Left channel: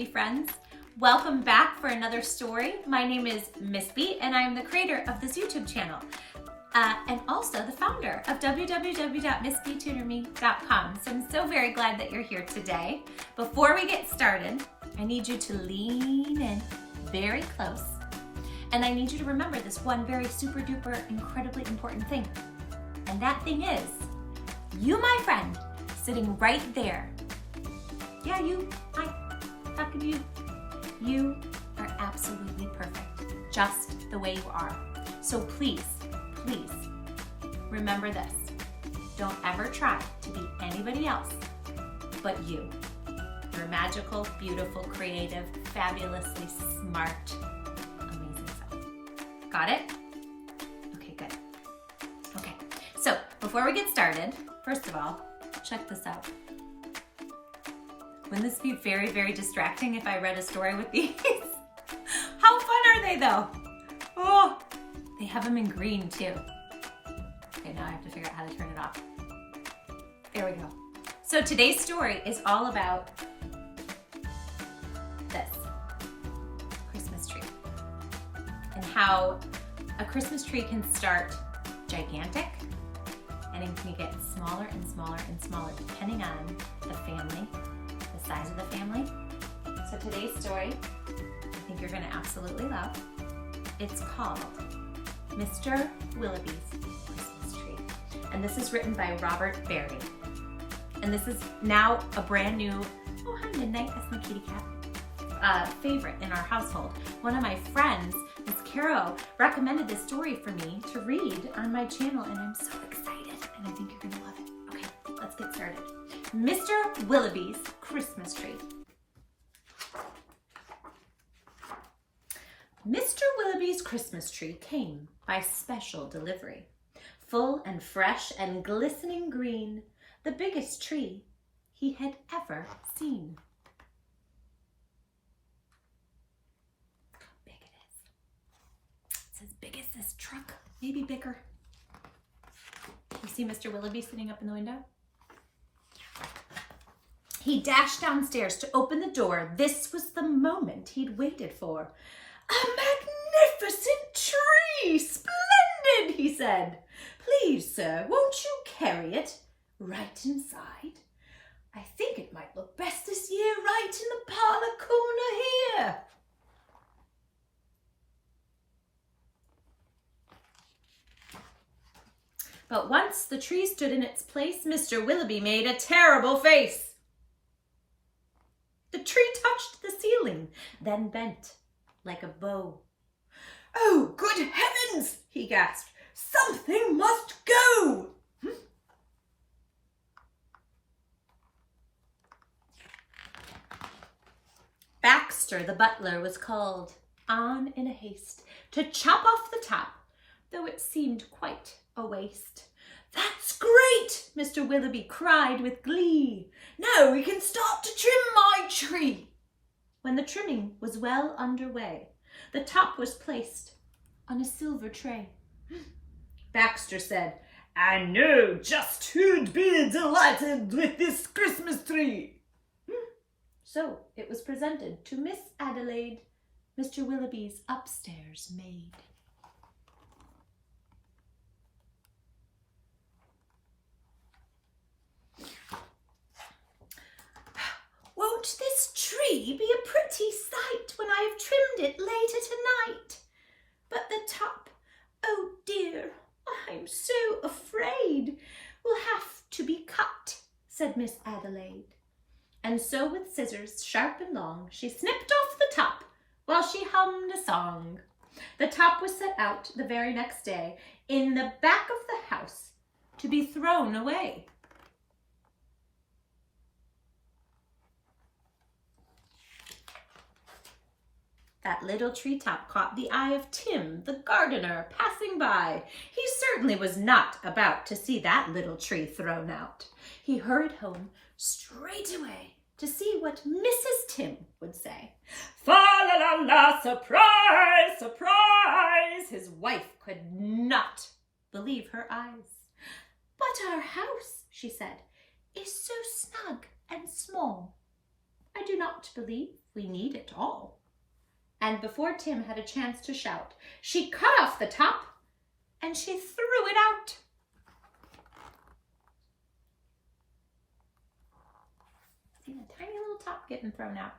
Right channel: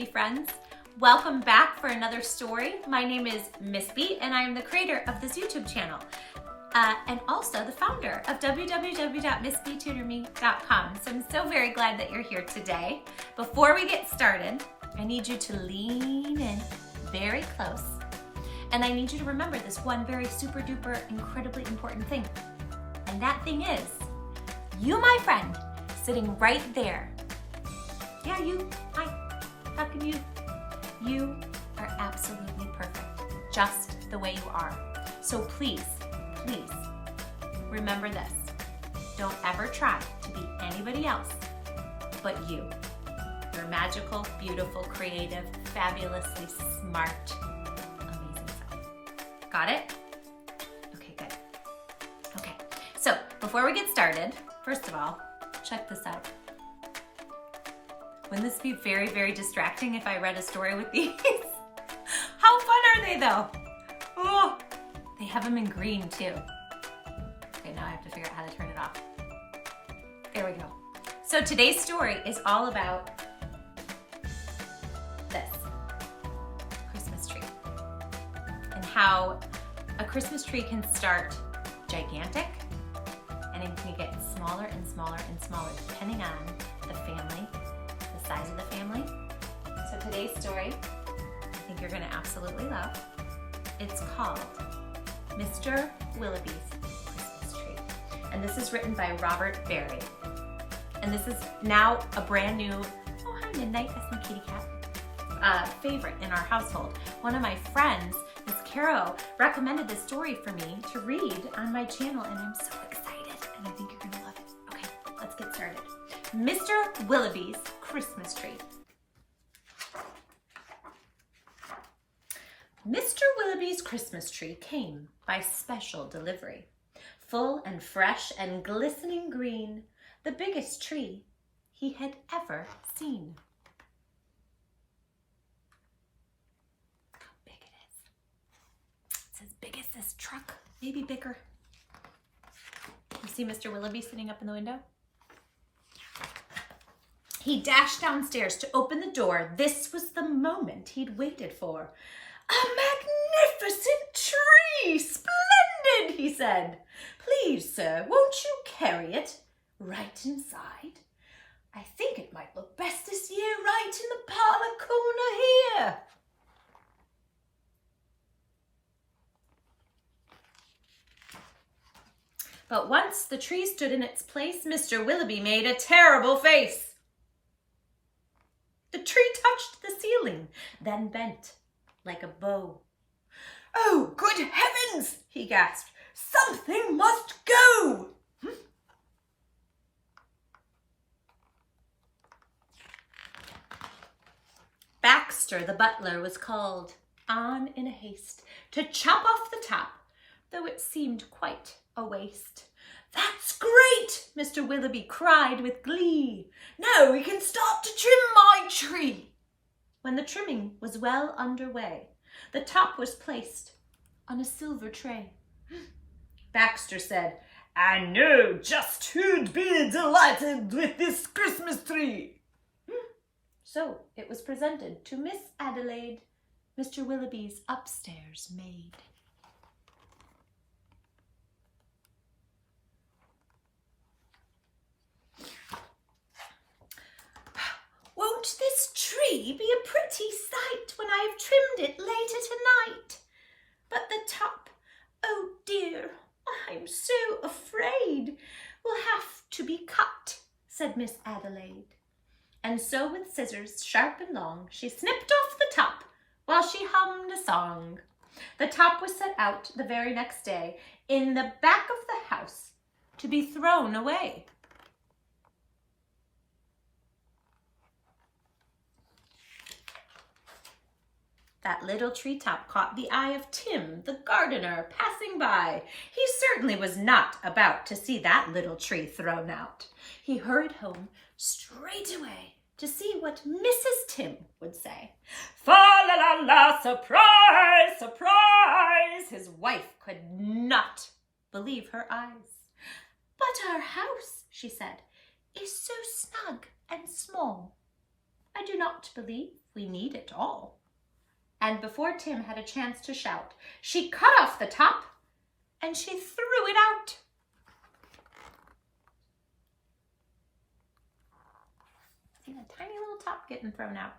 Bee friends. Welcome back for another story. My name is Miss Bee and I am the creator of this YouTube channel and also the founder of www.missbeetutorme.com. So I'm so very glad that you're here today. Before we get started, I need you to lean in very close and I need you to remember this one very super duper incredibly important thing. And that thing is, you, my friend, sitting right there. Yeah, you. Hi. Talking to you. You are absolutely perfect, just the way you are. So please, please remember this. Don't ever try to be anybody else but you. You're magical, beautiful, creative, fabulously smart, amazing self. Got it? Okay, good. Okay, so before we get started, first of all, check this out. Wouldn't this be very, very distracting if I read a story with these? How fun are they though? Oh, they have them in green too. Okay, now I have to figure out how to turn it off. There we go. So today's story is all about this, Christmas tree. And how a Christmas tree can start gigantic and it can get smaller and smaller and smaller depending on the family, size of the family. So today's story, I think you're going to absolutely love. It's called Mr. Willowby's Christmas Tree. And this is written by Robert Barry. And this is now a brand new, oh hi Midnight, that's my kitty cat, favorite in our household. One of my friends, Miss Caro, recommended this story for me to read on my channel and I'm so excited and I think you're going to love it. Okay, let's get started. Mr. Willowby's Christmas Tree. Mr. Willowby's Christmas tree came by special delivery. Full and fresh and glistening green, the biggest tree he had ever seen. Look how big it is. It's as big as this truck, maybe bigger. You see Mr. Willowby sitting up in the window? He dashed downstairs to open the door. This was the moment he'd waited for. A magnificent tree! Splendid, he said. Please, sir, won't you carry it right inside? I think it might look best this year right in the parlor corner here. But once the tree stood in its place, Mr. Willowby made a terrible face. The tree touched the ceiling, then bent like a bow. Oh, good heavens, he gasped. Something must go. Baxter, the butler, was called on in a haste to chop off the top, though it seemed quite a waste. That's great, Mr. Willowby cried with glee. Now we can start to trim my tree. When the trimming was well underway, the top was placed on a silver tray. Baxter said, I know just who'd be delighted with this Christmas tree. So it was presented to Miss Adelaide, Mr. Willowby's upstairs maid. Won't this tree be a pretty sight when I have trimmed it later tonight? But the top, oh dear, I'm so afraid, will have to be cut, said Miss Adelaide. And so with scissors sharp and long, she snipped off the top while she hummed a song. The top was set out the very next day in the back of the house to be thrown away. That little treetop caught the eye of Tim, the gardener, passing by. He certainly was not about to see that little tree thrown out. He hurried home straight away to see what Mrs. Tim would say. Fa-la-la-la, surprise, surprise! His wife could not believe her eyes. But our house, she said, is so snug and small. I I do not believe we need it all." And before Tim had a chance to shout, she cut off the top and she threw it out. See a tiny little top getting thrown out.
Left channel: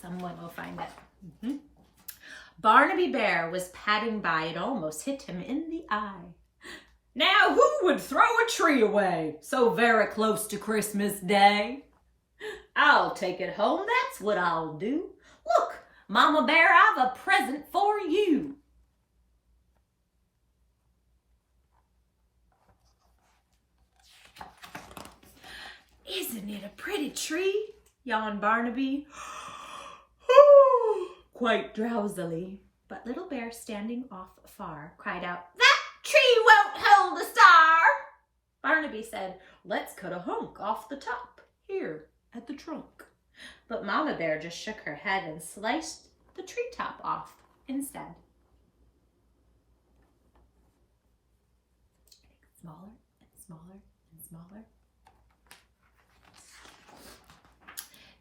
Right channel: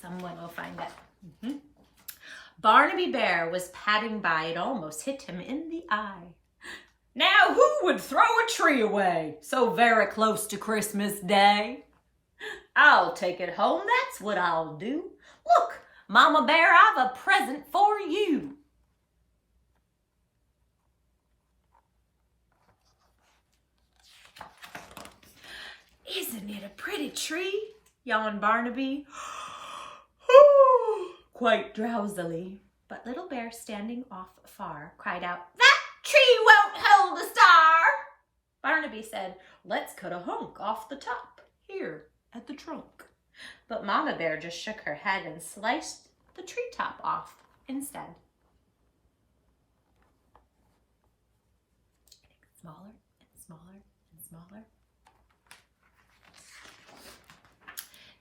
Someone will find it. Barnaby Bear was padding by. It almost hit him in the eye. "Now who would throw a tree away so very close to Christmas Day? I'll take it home, that's what I'll do. Look, Mama Bear, I've a present for you." "Isn't it a pretty tree?" yawned Barnaby, quite drowsily. But Little Bear, standing off far, cried out, "That tree won't hold a star." Barnaby said, "Let's cut a hunk off the top, here at the trunk." But Mama Bear just shook her head and sliced the treetop off instead. Smaller and smaller and smaller.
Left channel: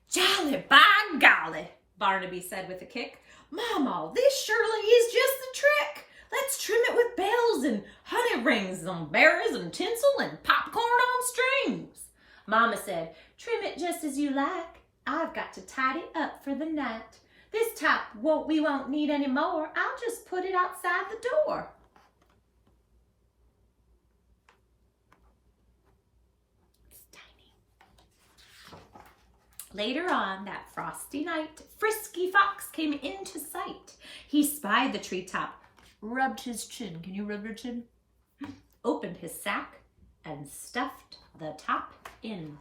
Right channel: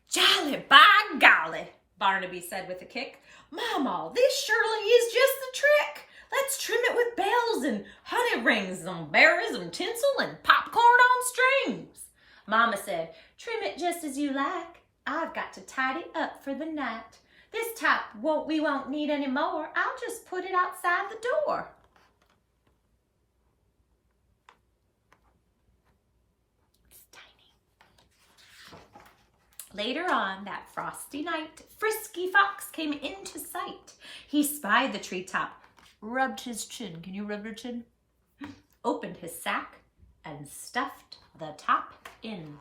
"Jolly by golly," Barnaby said with a kick. "Mama, this surely is just the trick. Let's trim it with bells and honey rings and berries and tinsel and popcorn on strings." Mama said, "Trim it just as you like. I've got to tidy up for the night. This top we won't need any more. I'll just put it outside the door." It's tiny. Later on that frosty night, Frisky Fox came into sight. He spied the treetop, rubbed his chin. Can you rub your chin? Opened his sack and stuffed the top in.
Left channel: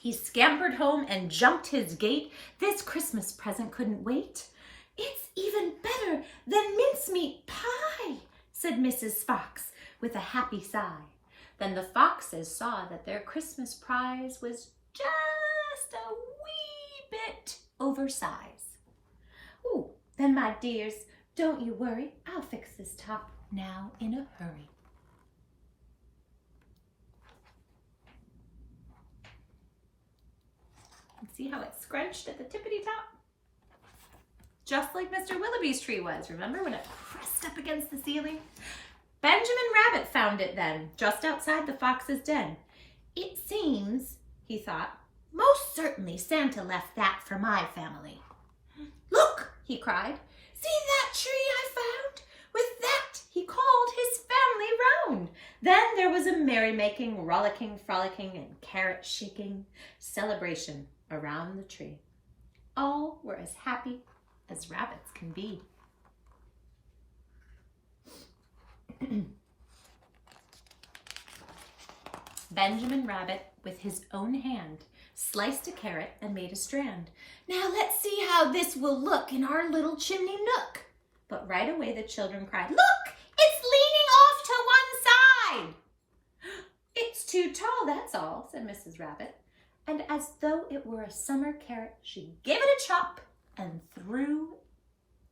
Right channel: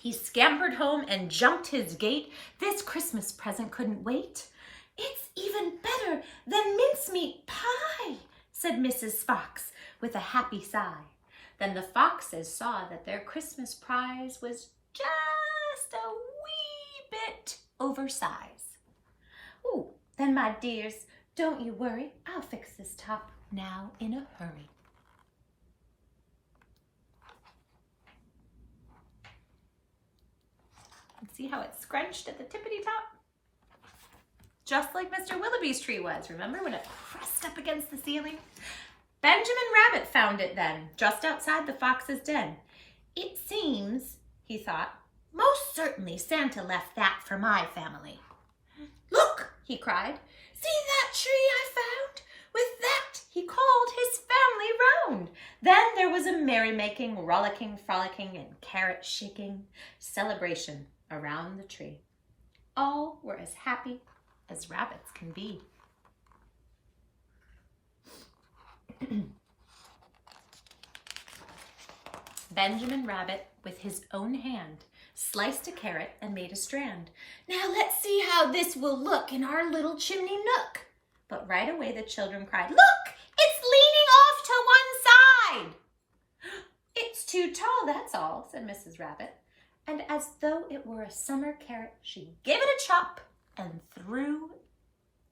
He scampered home and jumped his gate. This Christmas present couldn't wait. "It's even better than mincemeat pie," said Mrs. Fox with a happy sigh. Then the foxes saw that their Christmas prize was just a wee bit oversized. "Ooh, then my dears, don't you worry. I'll fix this top now in a hurry." See how it's scrunched at the tippity top? Just like Mr. Willowby's tree was. Remember when it pressed up against the ceiling? Benjamin Rabbit found it then, just outside the fox's den. "It seems," he thought, "most certainly Santa left that for my family." "Look," he cried, "see that tree I found? With that he called his family round." Then there was a merrymaking, rollicking, frolicking, and carrot-shaking celebration around the tree. All were as happy as rabbits can be. Benjamin Rabbit, with his own hand, sliced a carrot and made a strand. "Now let's see how this will look in our little chimney nook." But right away the children cried, "Look, it's leaning off to one side." "It's too tall, that's all," said Mrs. Rabbit. And as though it were a summer carrot, she gave it a chop and threw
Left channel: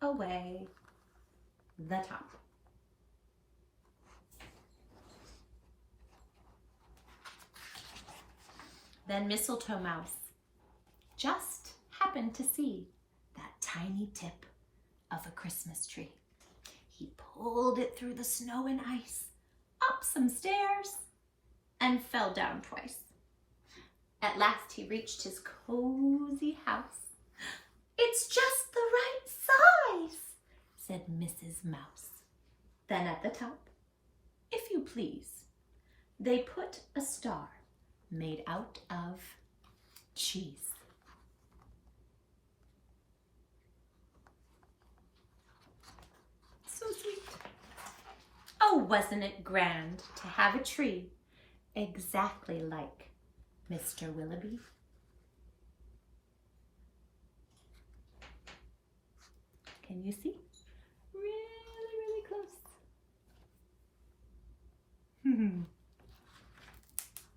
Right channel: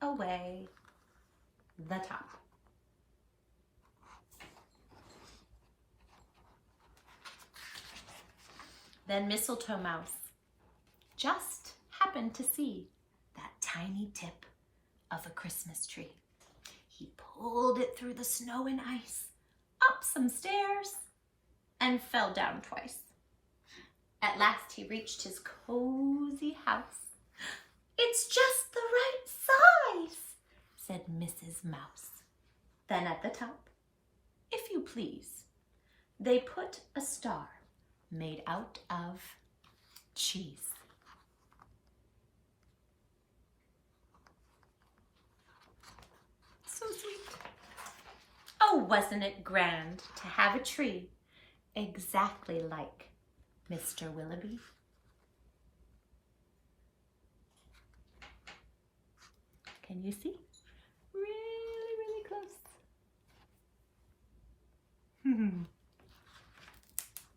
away the top. Then Mistletoe Mouse just happened to see that tiny tip of a Christmas tree. He pulled it through the snow and ice, up some stairs, and fell down twice. At last he reached his cozy house. "It's just the right size," said Mrs. Mouse. Then at the top, "If you please," they put a star made out of cheese. So sweet. Oh, wasn't it grand to have a tree exactly like Mr. Willowby? Can you see? Really, really close.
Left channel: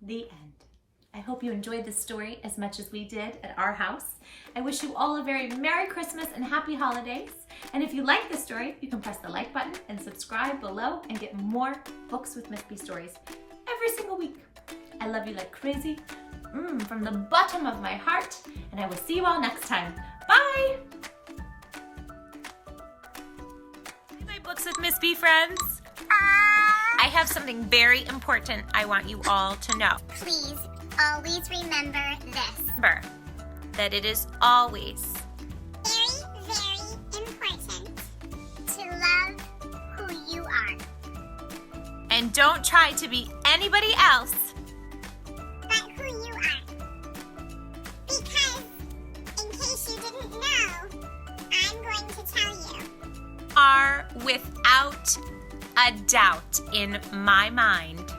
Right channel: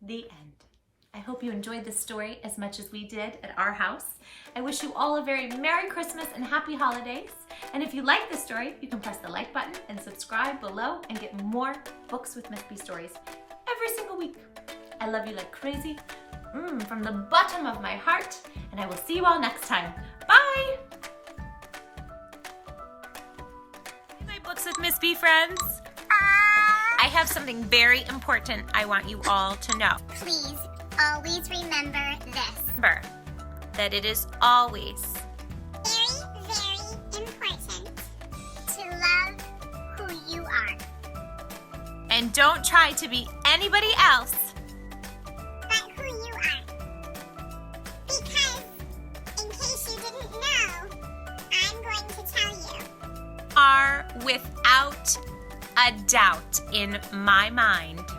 The end. I hope you enjoyed this story as much as we did at our house. I wish you all a very Merry Christmas and Happy Holidays. And if you like this story, you can press the like button and subscribe below and get more Books with Miss B stories every single week. I love you like crazy, from the bottom of my heart, and I will see you all next time. Bye! Hey, my Books with Miss B friends. I have something very important I want you all to know. Please always remember this. Remember that it is always Very, very important to love who you are. and don't try to be anybody else But who you are. Because, in case you didn't know, I'm going to tell you. are without a doubt in my mind